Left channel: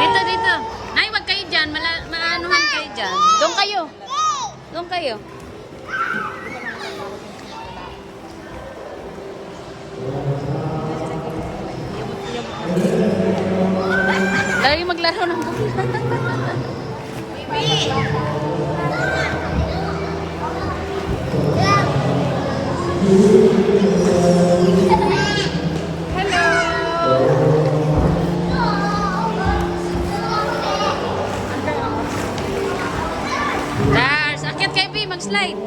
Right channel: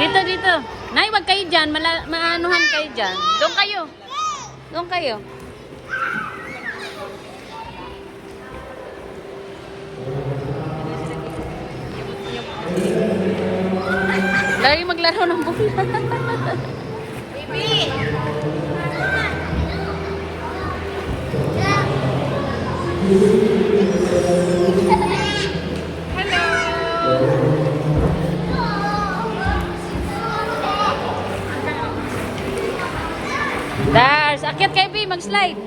Dito, dito. Nay, wag kayo dyan. Maanuhan kayo dyan. Doon kayo. Doon kayo. Lagi maglaro ng bola. Baby! Dars, akyat kayo, B. Mag-slide.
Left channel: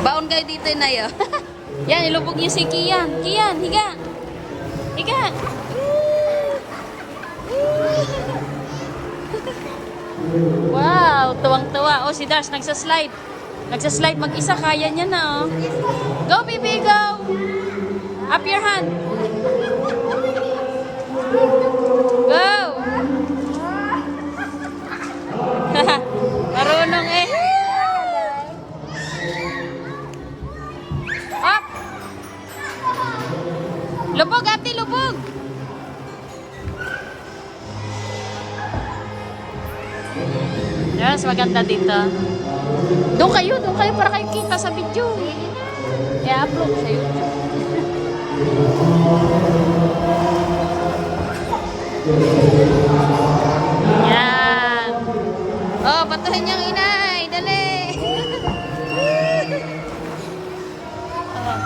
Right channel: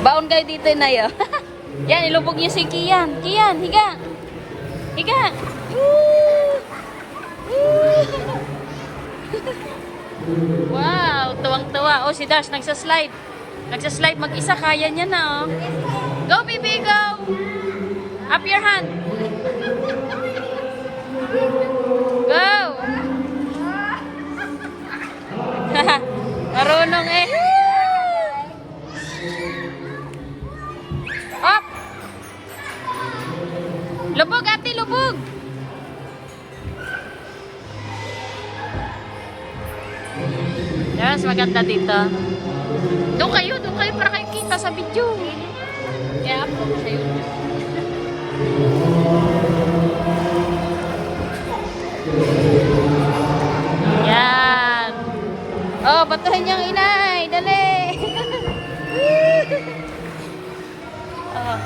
Baon kayo dito na yun. Yan, ilubog niyo si Kian. Kian, higa. Higa. Wow, tuwang-tuwa. Oh, si Dars nagsa-slide. Nagsa-slide mag-isa. Kaya niya na, oh. Go, baby, go. Up your hand. Go. Marunong eh. Up. Lubog, ate, lubog. Yes, maganda dito. Doon kayo para kayo kita sa video. I-upload sa YouTube. Yan. Oh, patuhin niyang inay. Dali. Oh.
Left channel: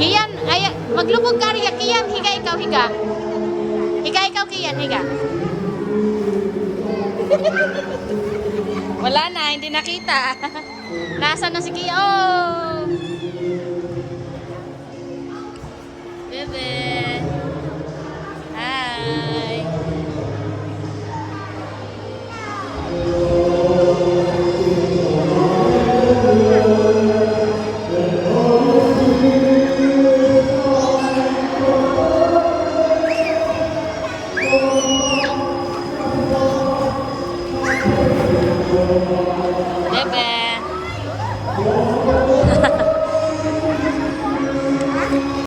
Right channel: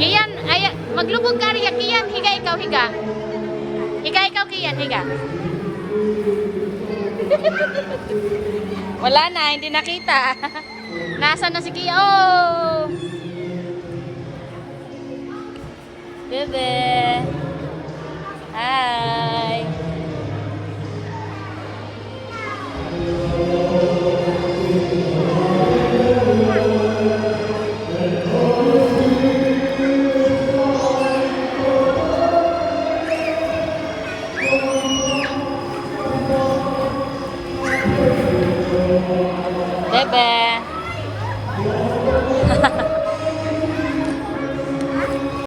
Kian, ay, maglubog ka rin. Kian, higa ikaw, higa. Higa ikaw, Kian, higa. Wala na, hindi nakita. Nasaan na si Kian? Oh! Bebe. Hi.